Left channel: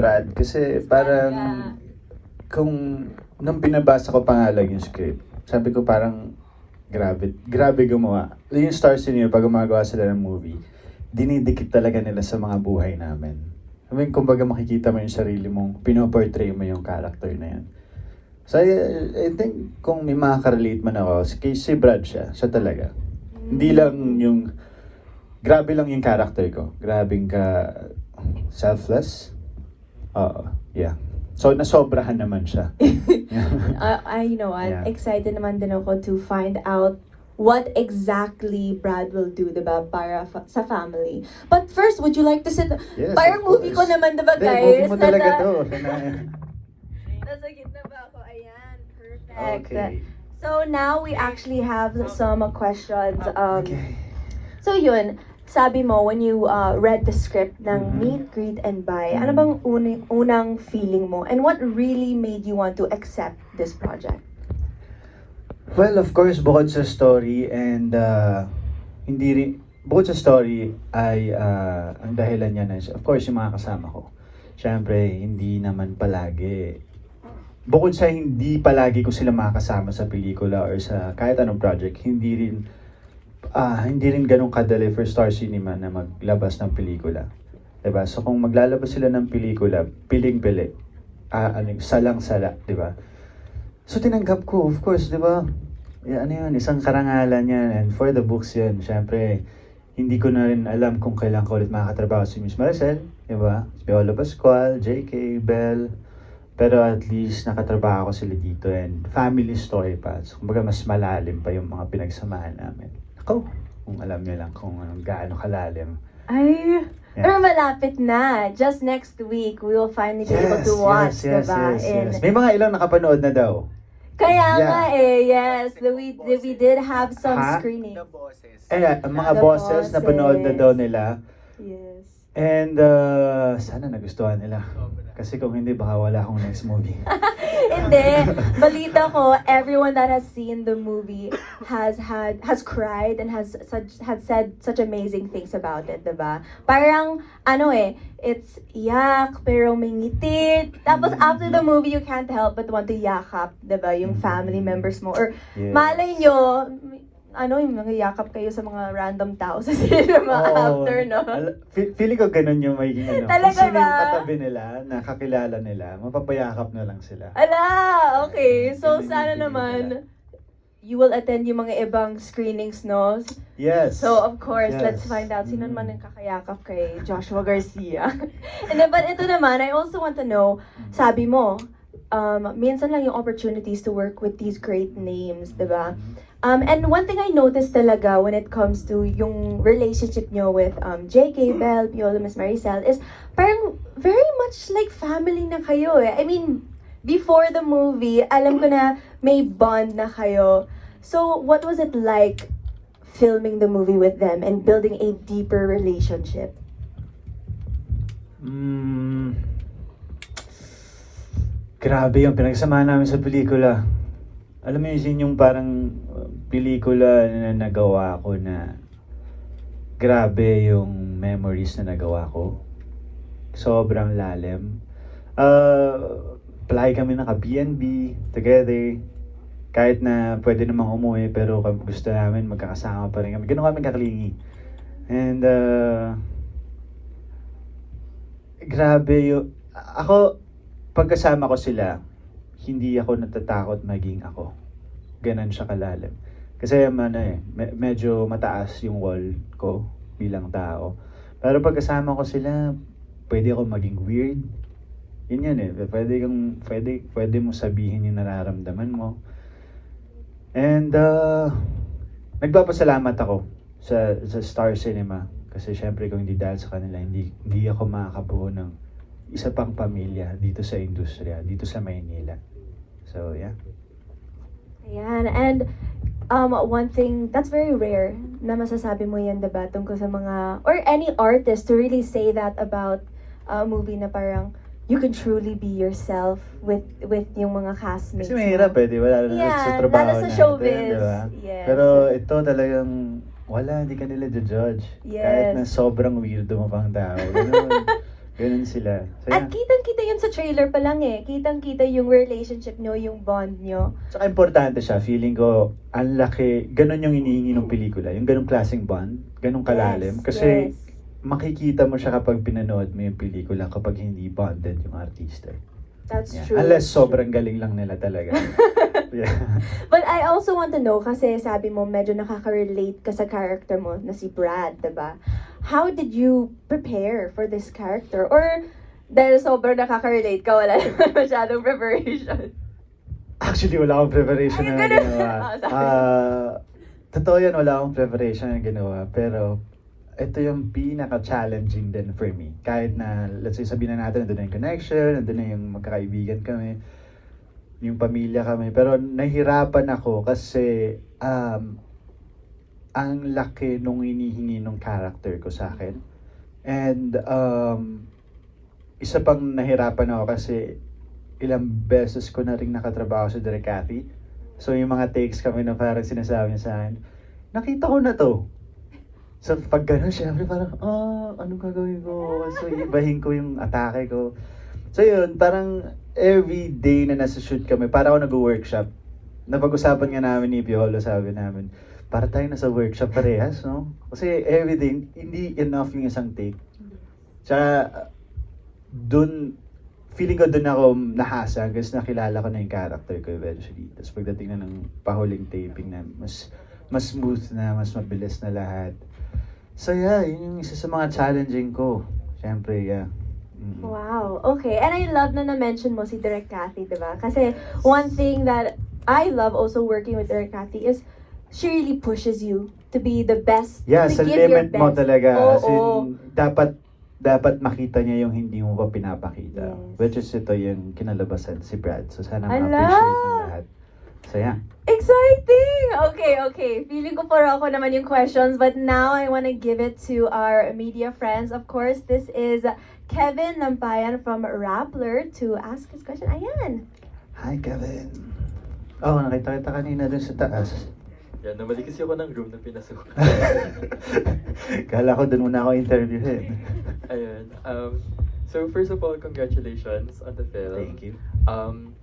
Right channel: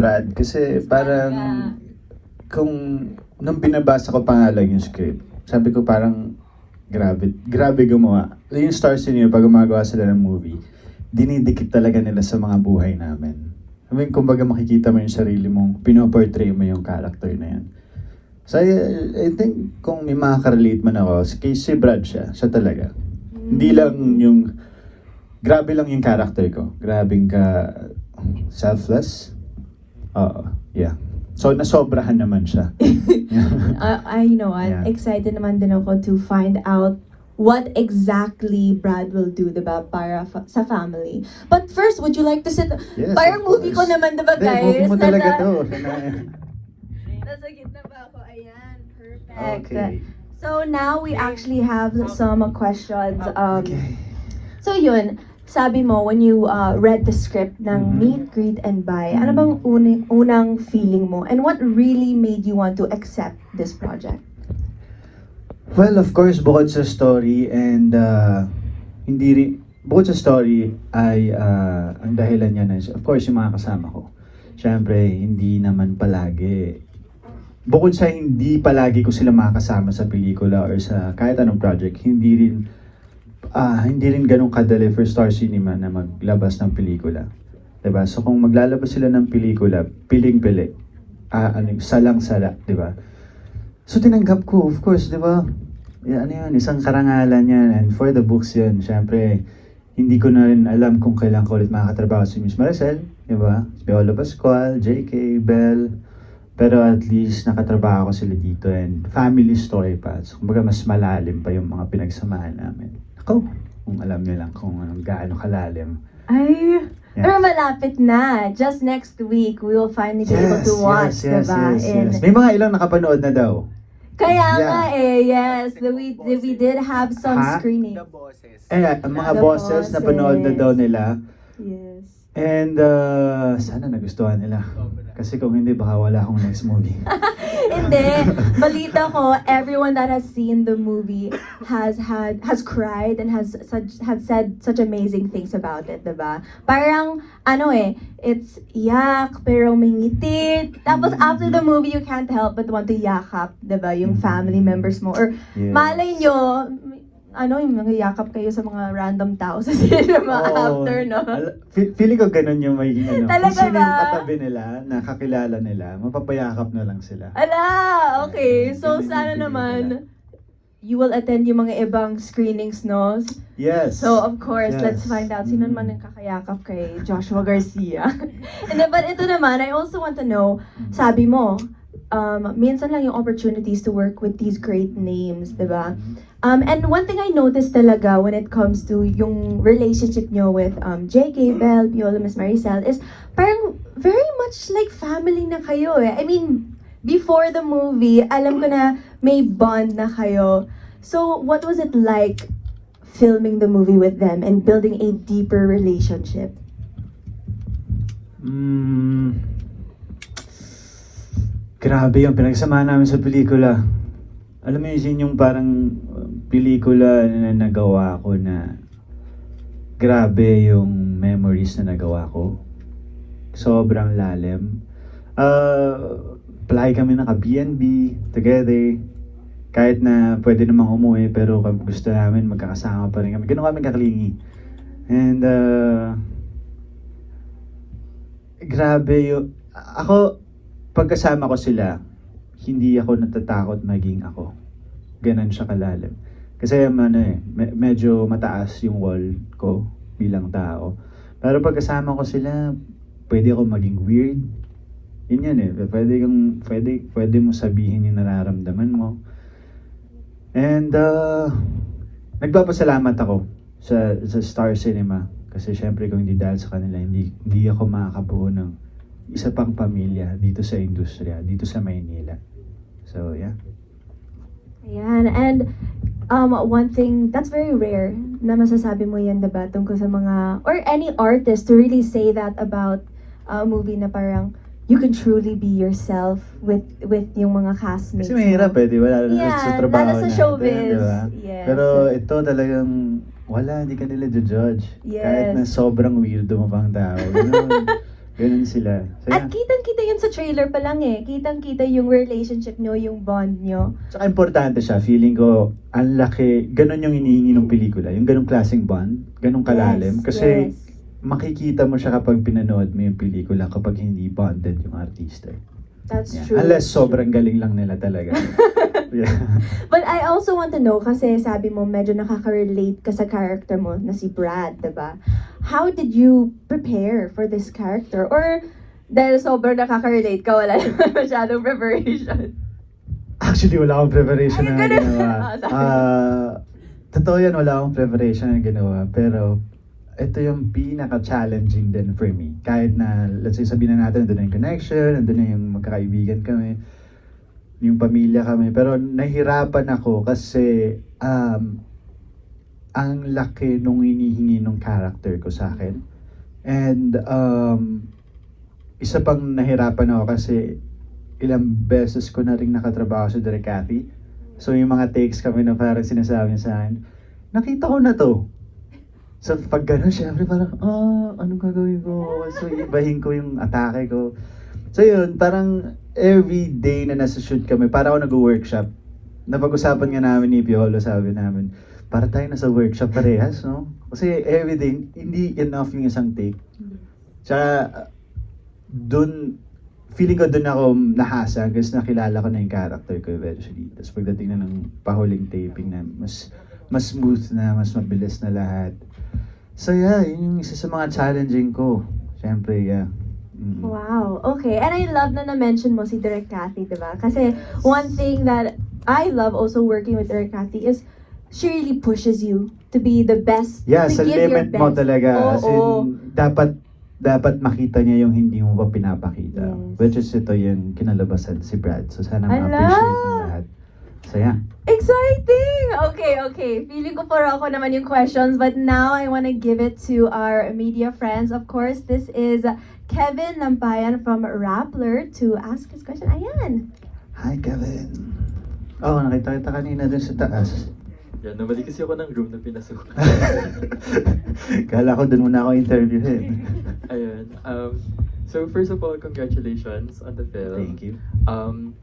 Brad kasi parang kung nung binabasa ko pa nga lang yung script, sabi ko parang grabe gumawa. Yung stars niyo pag gumagawa sila ng movie, dinidikit talaga nila sa mga buhay namin. I mean, kumbaga makikita mo yung sarili mong pinoportray mo yung character na yan. So I think kung may makaka-relate man ako, si Brad siya talaga. Hindi lang yung, grabe lang yung character ko. Grabing ka selfless. Oo, yeah. So nasobrahan naman siya. I know, I'm Yeah. excited naman din ako to find out what exactly Brad will do, diba, para sa family. But first, would you like to sit? Yes, Parang of movie ko course. naman, diba, Hindi, guys? movie mo talaga to. Nasa gitna ba ako? Ayan, perfect. Okay. So now we actually have some questions. Okay. So yun, sabi mo, when you read the script ng Meet, Greet, and Buy, ano bang unang feeling mo? And what really made you want to accept this project? Well, of course, bukod sa story and hindi rin, bukod sa story ay ang dahilan niya na of course yung mga kasama ko. Siyempre, hindi naman palagi. Bukod sa hindi palagi ko sila makakasama sa pelikula or sa kahit anong project, hindi rin ganun kadali for Star Cinema na maglabas ng pelikula. Diba? So kung maglalabas sila ng pelikula, piling-pili. Salang-sala, diba? So tinanggap ko, of course, diba? Ano yan, isang karangalan yan. And for the books yan, syempre, hindi ko na rin alam kung kailan ko ulit makakatrabaho si Miss Maricel, diba? Si Paolo Pascual, JK, Bell. Pero at least nakatrabaho ko sila dito and family story pa. So, kumbaga mas malalim pa yung mga pinagsamahan namin. Ako, kung alam niyo lang kung gaano kalalim. Ay, Yeah. pero malapit na. Just next week, we will finally be able to watch, diba? And May mga ilang nakapanood na daw. kaya Yeah. nga yes, we did have some Ha? screening. The bosses. Ang mga The bosses na panood na daw nila. Yes. And sana nagustuhan nila. Kasi kung hindi, baka wala akong next movie. Hindi, balita ko, everyone that has seen the movie has cried and has said such amazing things about it, diba? Parang, it's yak, pero may ngiti. Tapos after the movie, you can't help but want to yakap, diba? Yung family members mo. Or Yes. malay nyo, yung mga yakap kayo sa mga random tao sa cinema after, no? Feeling ko ganun yung may Talaga kung sino yung ba? katabi nila, nakakilala nila, mapapayakap na lang sila. Ala, okay. So, Ganun yung sana feeling naman, nila. you will attend yung mga ibang screenings, no? Yes. So, of course, Yes. let's find out sino naman ang kakayakap kay Joshua Garcia. And then, but ito naman, I also want to know, sabi mo, minsan lang yung opportunities to work with these great names, diba? And one thing I noticed talaga when it comes to yung relationship nyo with JK, Bell, Piolo, Miss Maricel is parang very much like family na kayo eh. I mean, before the movie, alam ko na may bond na kayo. So, what was it like filming the movie with them and building a deeper relationship? Grabe yung pinagsamahan namin sa pelikula. Alam mo yun yung parang pelikula na nagawa ko na grabe yung memories na nagawa ko. Sobrang lalim. Palagi kami naka-BNB together. Kahit na pwede namang umuwi pero gusto namin magkakasama pa rin kami. Ganun kami kaklingi. And grabe yung... Ako, pagkasama ko sila, hindi ako natatakot maging ako. Ganon siya kalalim. Kasi medyo mataas yung wall ko bilang tao. Pero pagkasama ko sila, pwede ako maging weird. Yun yan eh. Pwede mo sabihin yung nararamdaman mo. And nagpapasalamat ako sa Star Cinema. Kasi syempre kung hindi dahil sa kanila, hindi ako makakabuo ng isa pang pamilya dito sa industriya, dito sa Maynila. So, yeah. Ayan, and one thing that's very rare na masasabi mo yan, diba, tungkol sa mga, or any artist to really say that about a movie na parang you can truly be yourself with yung mga castmates. Kasi mahirap eh, di ba? Lalo na sa trabaho lalo sa natin, showbiz. diba? Yes. Pero ito talagang, hindi ka nila judge. Yes. Kahit na sobrang weirdo mo pang tao. Ganun sila. At kitang-kita yun sa trailer pa lang eh. Kitang-kita yung relationship nyo, yung bond nyo. Tsaka importante siya, feeling ko, ang laki, ganun yung inihingi ng pelikula, yung ganung klaseng bond, ganung kalalim. Yes, Kasi yes. makikita mo siya kapag pinanood mo yung pelikula kapag hindi bonded yung artista. That's Yeah. true. Unless that's true. sobrang galing lang nila talaga. Yeah. But I also want to know, kasi sabi mo medyo nakaka-relate ka sa character mo na si Brad, diba? How did you prepare for this character? Or dahil sobrang nakaka-relate ka, wala naman masyadong preparation? Actually, wala akong preparation Ay, na ganun. ginawa. Sorry. Totoo yan, wala akong preparation na ginawa. Pero, ito yung pinaka-challenging din for me. Kahit na, let's say, sabihin na natin, nandun na yung connection, nandun na yung magkakaibigan kami, yung pamilya kami. Pero, nahirapan ako kasi, ang laki nung hinihingi ng character ko sa akin. And, isa pang nahirapan ako kasi, ilang beses ko na rin nakatrabaho sa Direk Cathy. So, yung mga takes kami na parang sinasabi niya sa akin, nakita ko na to. So, pag gano'n, syempre parang, anong gagawin ko? So, ibahin ko yung atake ko. So, yun, parang every day na nasa shoot kami, para ako nag-workshop. Napag-usapan nga namin ni Piolo, sabi namin, para tayo nasa workshop parehas, no? Kasi every day, hindi enough yung isang take. Tsaka, feeling ko dun ako nahasa kasi nakilala ko na yung character ko eventually. Tapos pagdating na ng pahuling taping na mas smooth na, mas mabilis na lahat. So yeah, yun yung isa sa mga challenging ko. Siyempre, yeah. Wow, okay. And I love na na-mention mo si Direk Cathy, diba? Kasi one thing that I love also working with Direk Cathy is she really pushes you to be the best, Yeah, to sa give your limit mo best. talaga. Oo, As in, oo. dapat makita niya yung hindi mo pa pinapakita. Yes. Which is ito yung kinalabasan si Brad. So sana Ala! ma-appreciate ng lahat. So yeah. Exciting! Okay. Feeling ko puro ako naman yung questions, but now I want to give it to our media friends. Of course, this is Kevin Nampayan from Rappler to ask his question. Ayan! Hi, Kevin. Oh, nakita kita kanina dun sa taas. Yan, nabalik kasi ako ng room na pinasok. Kala ko dun muna ako interviewin. Ayun. So first of all, congratulations on the film. Thank you.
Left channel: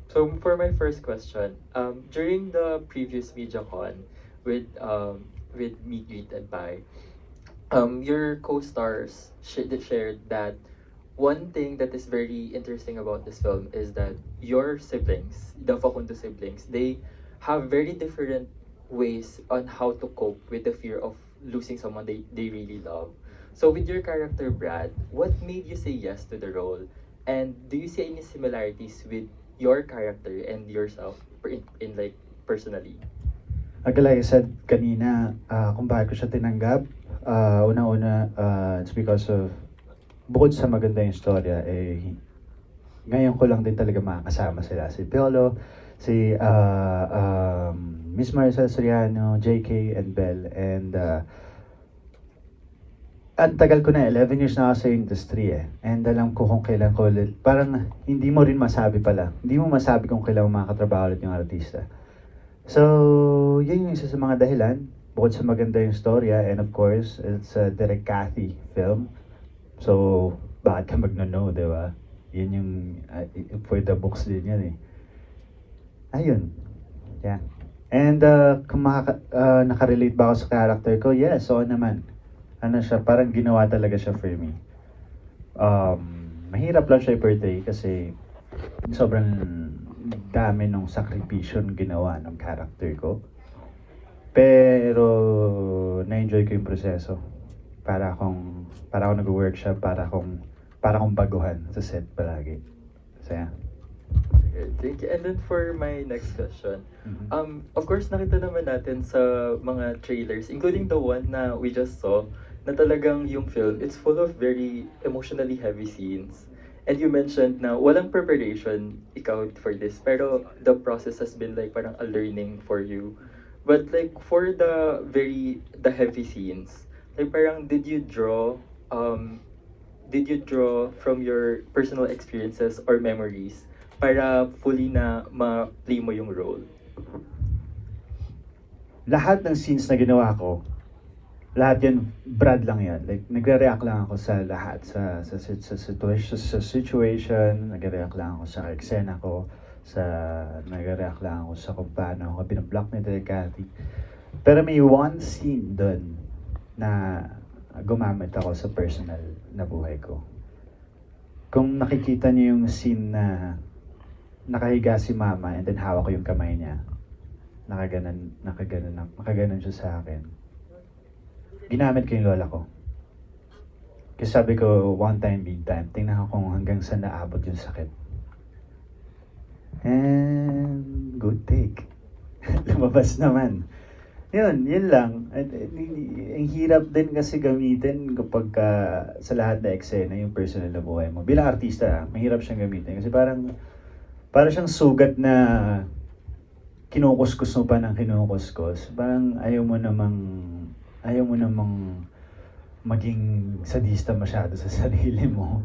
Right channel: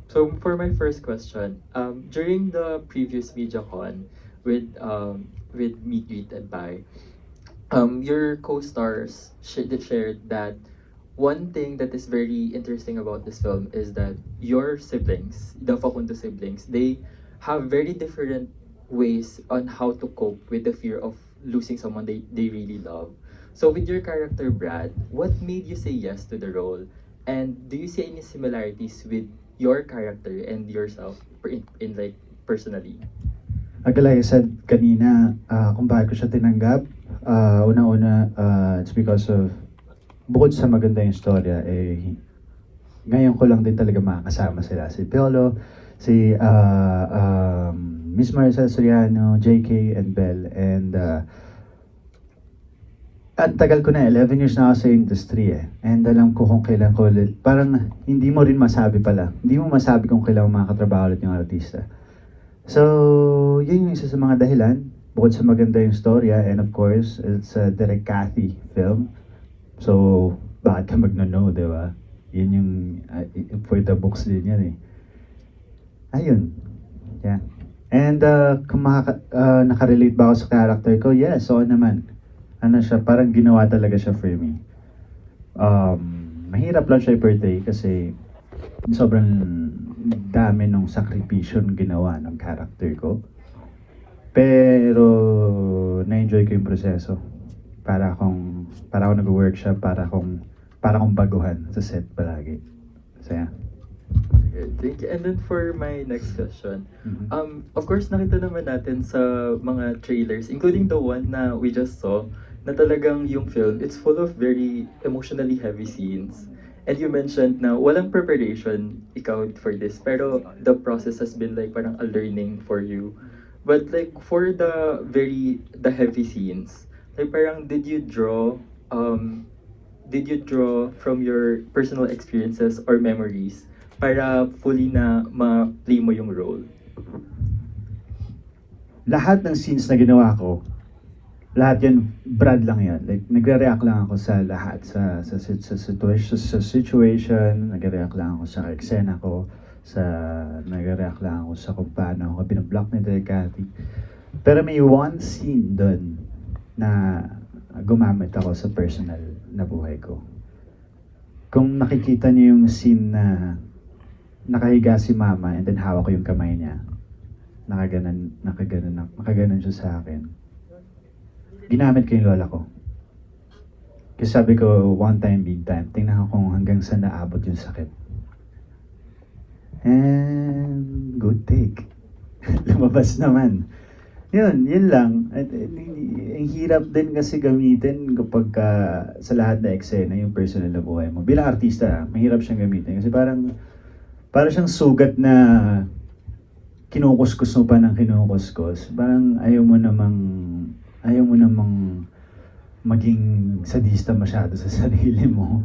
So for my first question, during the previous MediaCon with Meet, Greet, and Buy, your co-stars shared that one thing that is very interesting about this film is that your siblings, the Facundo siblings, they have very different ways on how to cope with the fear of losing someone they really love. So with your character Brad, what made you say yes to the role? And do you see any similarities with your character and yourself in like personally? Like I said kanina, kung bakit ko siya tinanggap, una-una, it's because of, bukod sa maganda yung storya, ngayon ko lang din talaga makakasama sila. Si Piolo, si Miss Maricel Soriano, JK, and Belle. And at tagal ko na, 11 years na ako sa industry And alam ko kung kailan ko ulit, parang hindi mo rin masabi pala. Hindi mo masabi kung kailan makakatrabaho ulit yung artista. So, yun yung isa sa mga dahilan. Bukod sa maganda yung storya, and of course, it's a Direk Cathy film. So, bakit ka magno-no, di ba? Yun yung, for the books din yan Ayun. Yeah. And kung nakarelate ba ako sa character ko? Yes, oo naman. Ano siya, parang ginawa talaga siya for me. Mahirap lang siya i-portray kasi sobrang dami ng sakripisyon ginawa ng character ko. Pero na-enjoy ko yung proseso. Para akong nag-workshop, para akong baguhan sa set palagi. So yeah. Okay, thank you. And then for my next question, Mhm. of course nakita naman natin sa mga trailers, including the one na we just saw, na talagang yung film, it's full of very emotionally heavy scenes. And you mentioned na walang preparation ikaw for this, pero the process has been like parang a learning for you. But like for the heavy scenes, like parang did you draw from your personal experiences or memories para fully na ma-play mo yung role? Lahat ng scenes na ginawa ko, lahat yun, Brad lang yan. Like, nagre-react lang ako sa lahat. Sa situation, nagre-react lang ako sa eksena ko, nagre-react lang ako sa kung paano ako binablock ni Direk Cathy. Pero may one scene doon na gumamit ako sa personal na buhay ko. Kung nakikita niyo yung scene na nakahiga si mama and then hawak ko yung kamay niya, nakaganon siya sa akin. Ginamit ko yung lola ko. Kasi sabi ko, one time, big time. Tingnan ko kung hanggang saan naabot yung sakit. And good take. Lumabas naman. Yun lang. Ang hirap din kasi gamitin kapag sa lahat na eksena yung personal na buhay mo. Bilang artista, mahirap siyang gamitin. Kasi parang siyang sugat na kinukuskus mo pa ng kinukuskus. Parang ayaw mo namang maging sadista masyado sa sarili mo.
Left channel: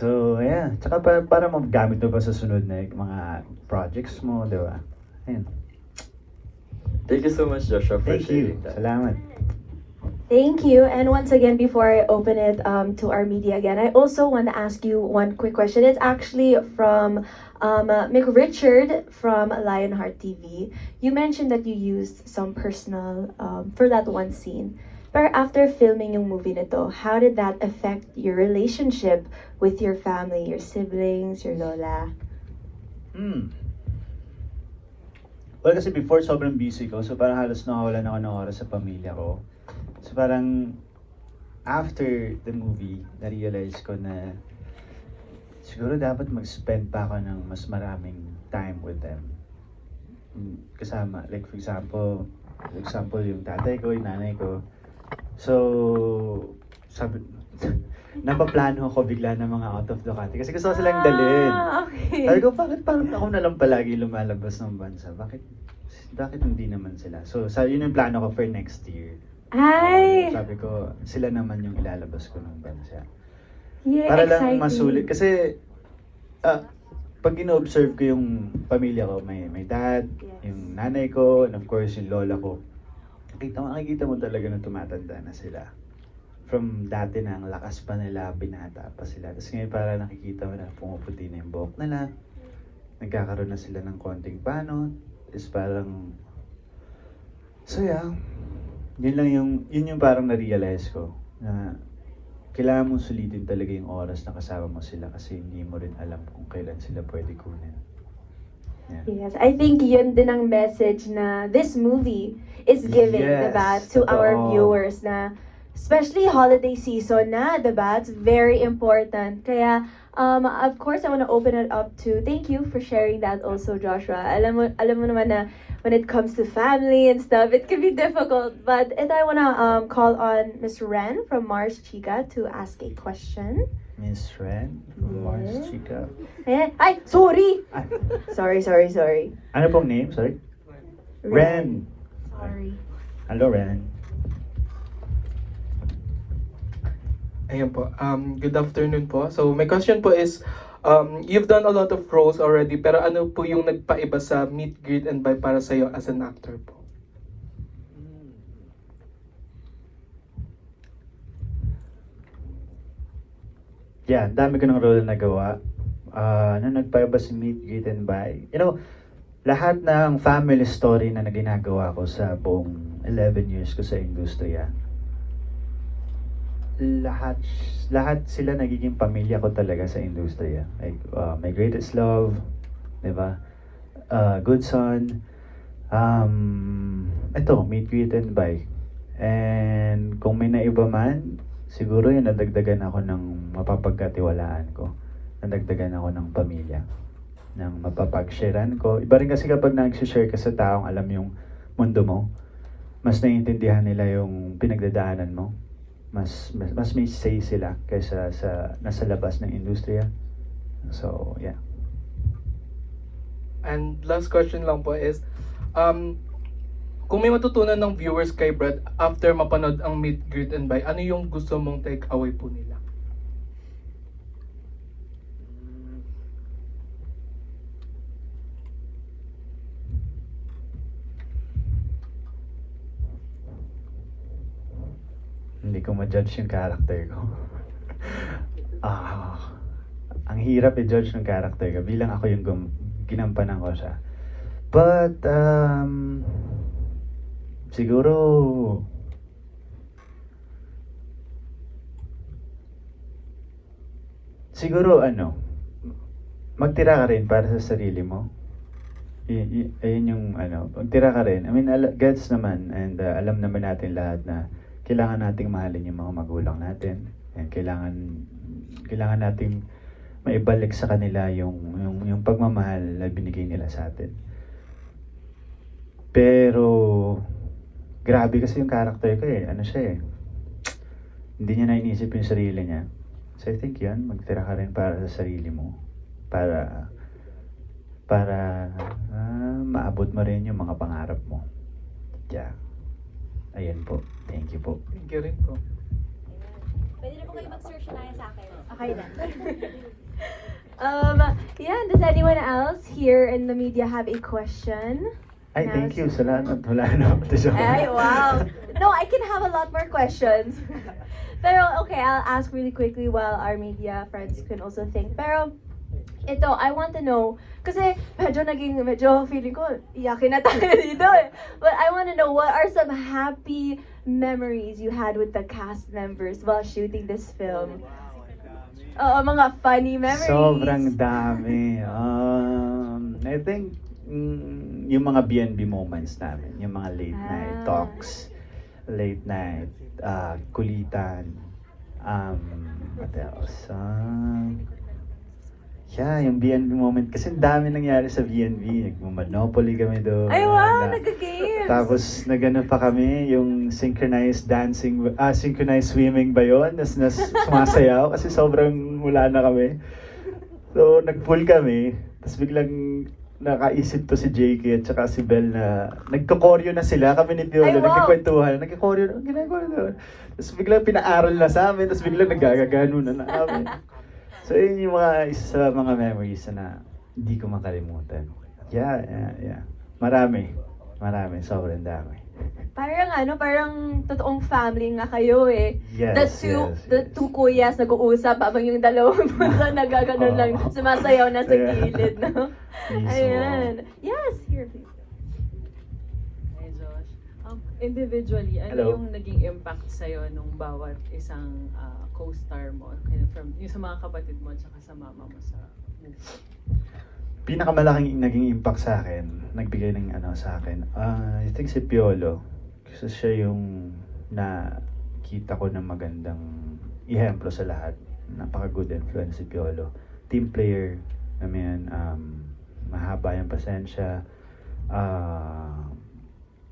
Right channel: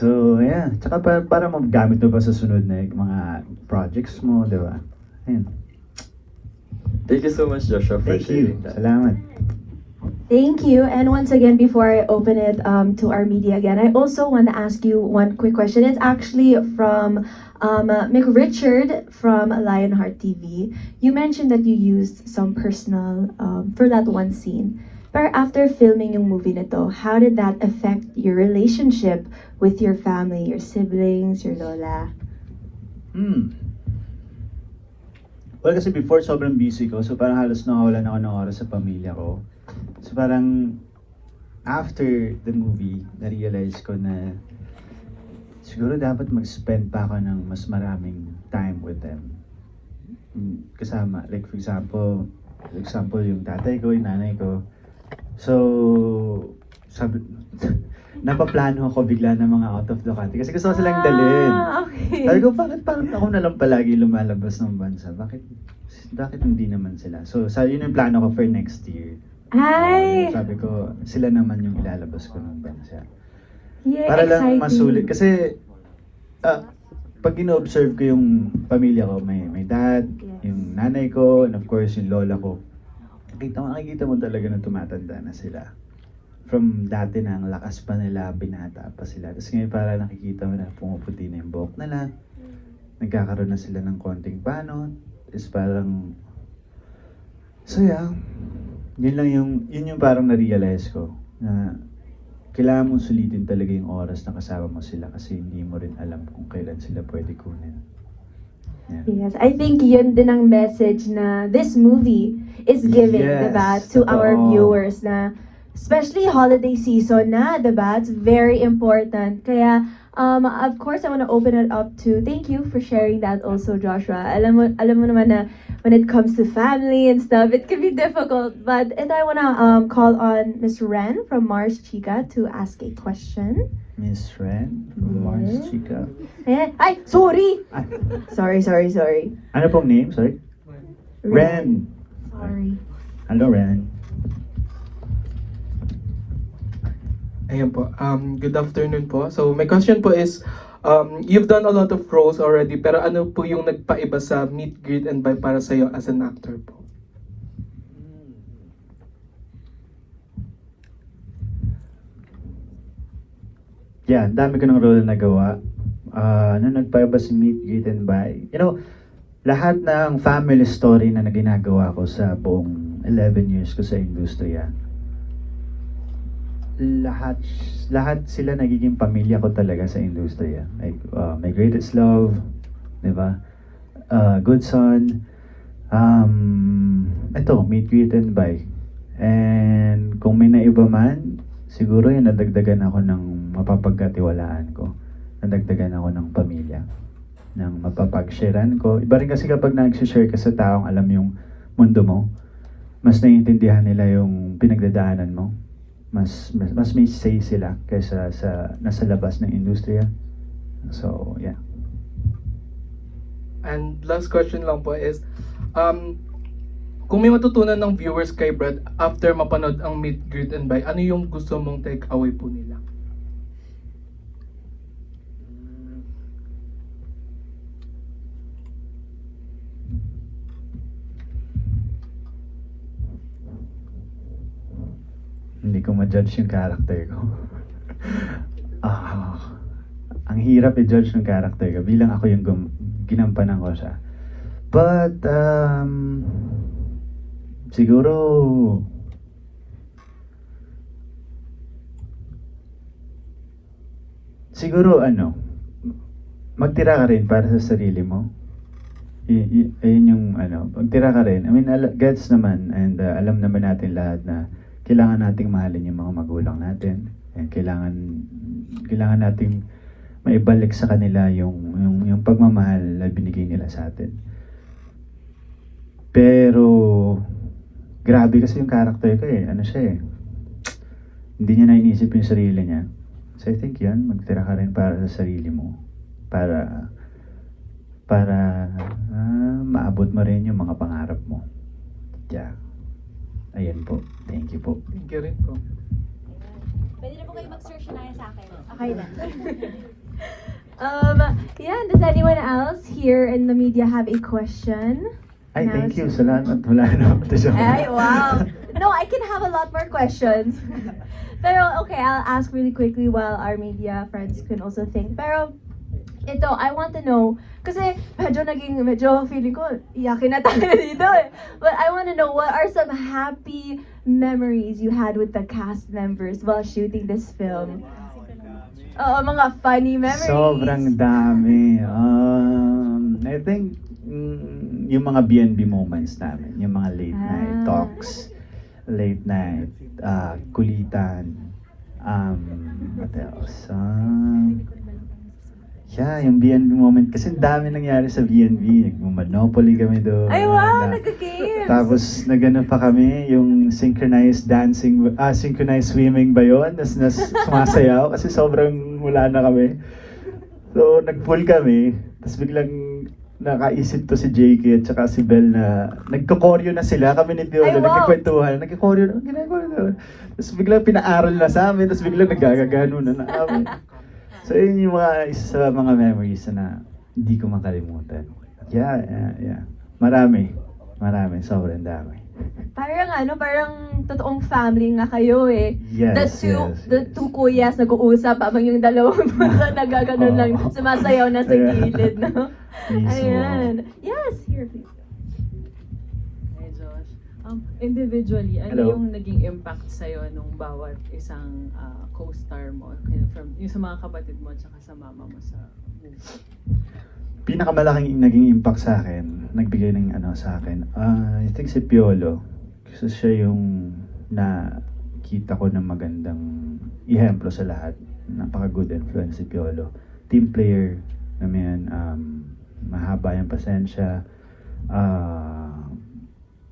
So, yeah. Tsaka para magamit mo pa sa sunod na mga projects mo, di ba? Ayun. Thank you so much, Joshua, for Thank you. sharing that. Salamat. Thank you. And once again, before I open it to our media again, I also want to ask you one quick question. It's actually from Mick Richard from Lionheart TV. You mentioned that you used some personal for that one scene. But after filming yung movie nito, how did that affect your relationship with your family, your siblings, your lola? Well, kasi before sobrang busy ko, so parang halos nawawalan ako ng oras sa pamilya ko. So parang after the movie, na-realize ko na siguro dapat mag-spend pa ako ng mas maraming time with them. Kasama, like for example yung tatay ko, yung nanay ko. So, sabi, napaplano ako bigla ng mga out of the country. Kasi gusto ko silang dalhin. Okay. Sabi ko, bakit ako na lang palagi lumalabas ng bansa? Bakit hindi naman sila? So, yun yung plano ko for next year. Ay! Sabi ko, sila naman yung ilalabas ko ng bansa. Yeah, Para lang exciting. masulit. Kasi, pag ino-observe ko yung pamilya ko, may dad, yung nanay ko, and of course, yung lola ko. Nakikita mo talaga na tumatanda na sila. From dati na, ang lakas pa nila, binata pa sila. Tapos ngayon para nakikita mo na pumuputi na yung buhok nila. Nagkakaroon na sila ng konting pano. Is parang... So yeah, yun yung parang na-realize ko. Na kailangan mong sulitin talaga yung oras na kasama mo sila kasi hindi mo rin alam kung kailan sila pwede kunin. Yeah. Yes, I think yun din ang message na this movie is giving, Yes, diba, to our totoo. viewers na especially holiday season na, diba, it's very important. Kaya, of course, I want to open it up to, thank you for sharing that also, Joshua. Alam mo naman na when it comes to family and stuff, it can be difficult. But, and I want to call on Ms. Ren from Mars Chica to ask a question. Miss Ren, Yes. Mars Chica. Ayan. Ay, sorry! Ay, Sorry. ano pong name? Sorry? Ren. Sorry. Hello, Ren. Ayan po. Good afternoon po. So my question po is, you've done a lot of roles already, pero ano po yung nagpaiba sa Meet, Greet, and Buy para sa'yo as an actor po? Yeah, ang dami ko ng role na gawa. Nung nagpaiba si Meet, Greet, and Buy. You know, lahat ng family story na ginagawa ko sa buong 11 years ko sa industriya, lahat sila nagiging pamilya ko talaga sa industriya. Like, My Greatest Love, di ba? Good Son, ito, Meet, Greet, and Buy. And kung may naiba man, siguro yung nadagdagan ako ng mapapagkatiwalaan ko. Nadagdagan ako ng pamilya. Ng mapapag-sharean ko. Iba rin kasi kapag nag-share ka sa taong alam yung mundo mo, mas naiintindihan nila yung pinagdadaanan mo. Mas may say sila kaysa sa nasa labas ng industriya. So, yeah. And last question lang po is, kung may matutunan ng viewers kay Brad after mapanood ang Meet, Greet, and Buy, ano yung gusto mong take away po nila? hindi ko ma-judge yung character ko. Ah, ang hirap i-judge ng character ko bilang ako yung ginampanan ko siya. But, siguro, magtira ka rin para sa sarili mo. Ayun yung magtira ka rin. I mean, gets naman, and alam naman natin lahat na kailangan nating mahalin yung mga magulang natin. And kailangan nating maibalik sa kanila yung pagmamahal na binigay nila sa atin. Pero, grabe kasi yung character ko eh. Ano siya eh. Hindi niya nainisip yung sarili niya. So I think yan, magtira ka rin para sa sarili mo. Para maabot mo rin yung mga pangarap mo. Yeah. Ayan po. Thank you po. Thank you rin po. Pwede na po kayo mag-search na sa akin. Okay na. Yeah, does anyone else here in the media have a question? Ay, thank you. Salamat. Wala na. Ay, wow. No, I can have a lot more questions. Pero, okay, I'll ask really quickly while our media friends can also think. Pero, ito, I want to know, kasi medyo feeling ko, iyakin na tayo dito eh. But I want to know, what are some happy memories you had with the cast members while shooting this film? Oo, mga funny memories. Sobrang dami. I think, yung mga BNB moments namin, yung mga late night talks, late night, kulitan, what else? Yeah, yung BNB moment. Kasi dami nangyari sa BNB. Nag-Monopoly kami doon. Ay, wow, nagka-games. Tapos, nagano pa kami, yung synchronized dancing, synchronized swimming ba yun? Nas sumasayaw kasi sobrang wala na kami. So, nag-pool kami. Tapos biglang nakaisip to si JK at saka si Belle na nagko-choreo na sila. Kami ni Viola, Ay, wow. nagkikwentuhan. Nagko-choreo, ginagawa doon. Tapos biglang pinaaral na sa amin. Tapos biglang nagagagano na namin. So, yun yung isa sa mga memories na hindi ko makalimutan. Yeah. Marami. Sobrang dami. Parang totoong family nga kayo eh. Yes, The two kuyas nag-uusap habang yung dalawang nagaganon lang, sumasayaw na sa gilid, no? Mismo. Ayan. Yes, here. Hey Josh, individually, ano Hello. yung naging impact sa'yo nung bawat isang co-star mo? From, yung sa mga kapatid mo at saka sa mama mo sa movie? Pinakamalaking naging impact sa akin, nagbigay ng sa akin, I think si Piolo. Kasi siya yung nakita ko ng magandang ihemplo sa lahat. Napaka-good influence si Piolo. Team player, mahaba yung pasensya,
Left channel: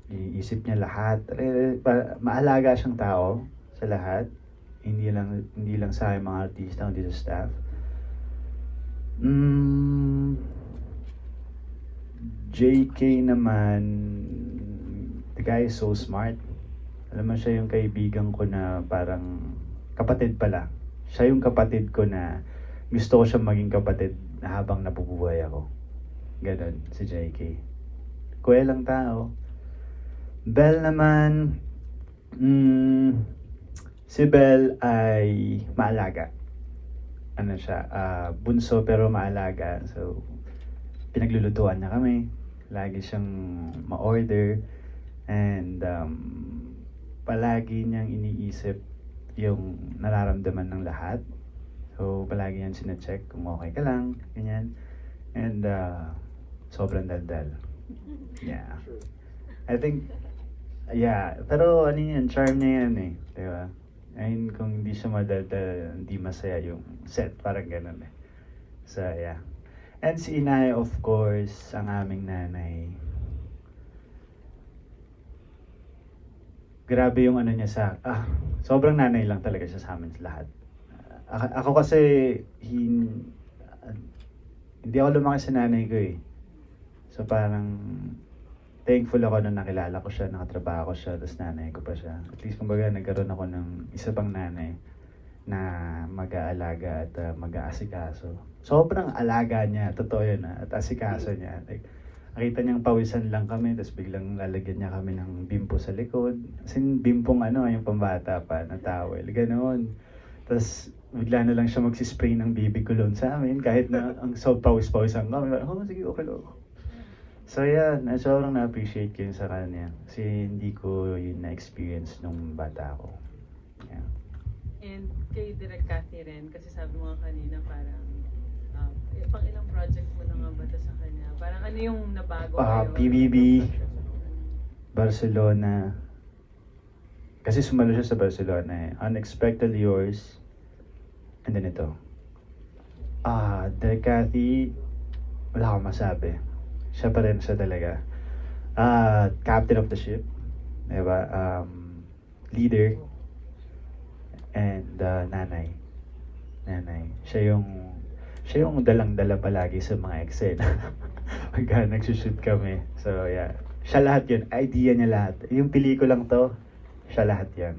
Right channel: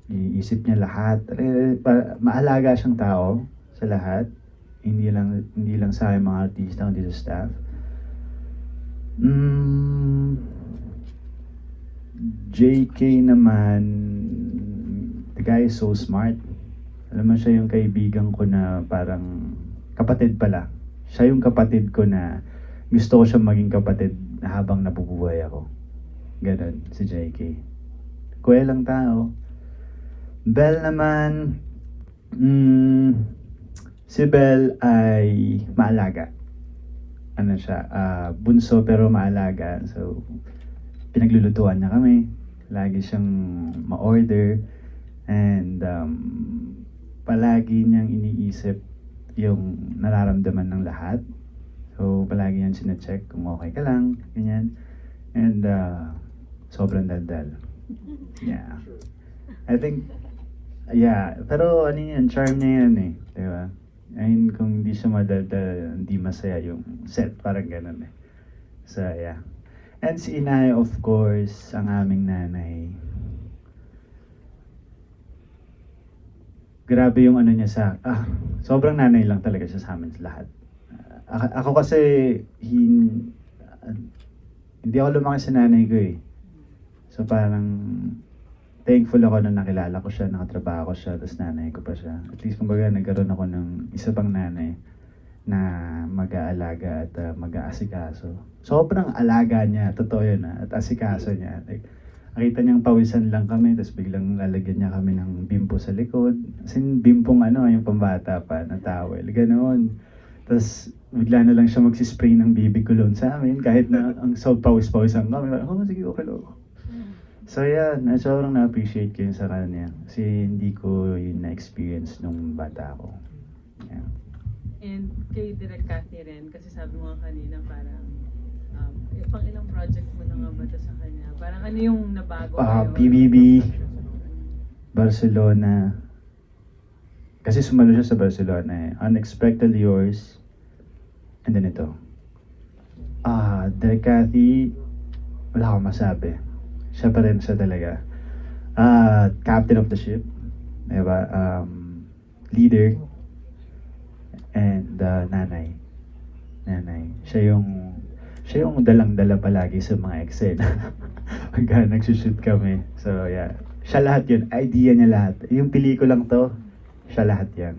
iisip niya lahat. Maalaga siyang tao sa lahat. Hindi lang sa akin mga artista, kundi sa staff. JK naman, the guy is so smart. Alam mo, siya yung kaibigan ko na parang kapatid pala. Siya yung kapatid ko na gusto ko siya maging kapatid na habang nabubuhay ako. Ganon, si JK. Kuwelang tao. Belle naman, si Belle ay maalaga. Ano siya, bunso pero maalaga. So, pinaglulutuan niya kami. Lagi siyang ma-order. And, palagi niyang iniisip yung nararamdaman ng lahat. So, palagi niyang sinecheck kung okay ka lang. Ganyan. And, sobrang daldal. Yeah. I think, yeah. Pero, ano yan, charm niya yan eh. Diba? Ayun, kung hindi siya madaldal, hindi masaya yung set, parang ganun eh. So, yeah. And si inay, of course, ang aming nanay. Grabe yung ano niya sobrang nanay lang talaga siya sa amin lahat. Ako kasi, hindi ako lumaki sa nanay ko eh. So parang, thankful ako na nakilala ko siya, nakatrabaho ko siya, tapos nanay ko pa siya. At least kumbaga nagkaroon ako ng isa pang nanay na mag-aalaga at mag-aasikaso. Sobrang alaga niya, totoo yun at asikaso niya. Like, nakita niyang pawisan lang kami, tapos biglang lalagyan niya kami ng bimpo sa likod. As in, bimpong yung pambata pa na towel, ganoon. Tapos bigla na lang siya magsispray ng baby cologne sa amin, kahit na ang pawis-pawisan kami. Oh, sige, okay lang. So yan, sobrang na-appreciate ko yun sa kanya. Kasi hindi ko yun na-experience nung bata ako. Yeah. And kay Direk Cathy rin, kasi sabi mo kanina parang pang ilang project mo na nga ba ito sa kanya? Parang ano yung nabago PBB, Barcelona. Kasi sumalo siya sa Barcelona eh. Unexpectedly Yours. And then ito. Direk Cathy, wala akong masabi. Siya pa rin siya talaga. Captain of the ship. Diba? Leader. And nanay. Siya yung dalang-dala palagi sa mga eksena. Pagka nagsushoot kami. So yeah. Siya lahat yun. Idea niya lahat. Yung pelikulang to, siya lahat yan.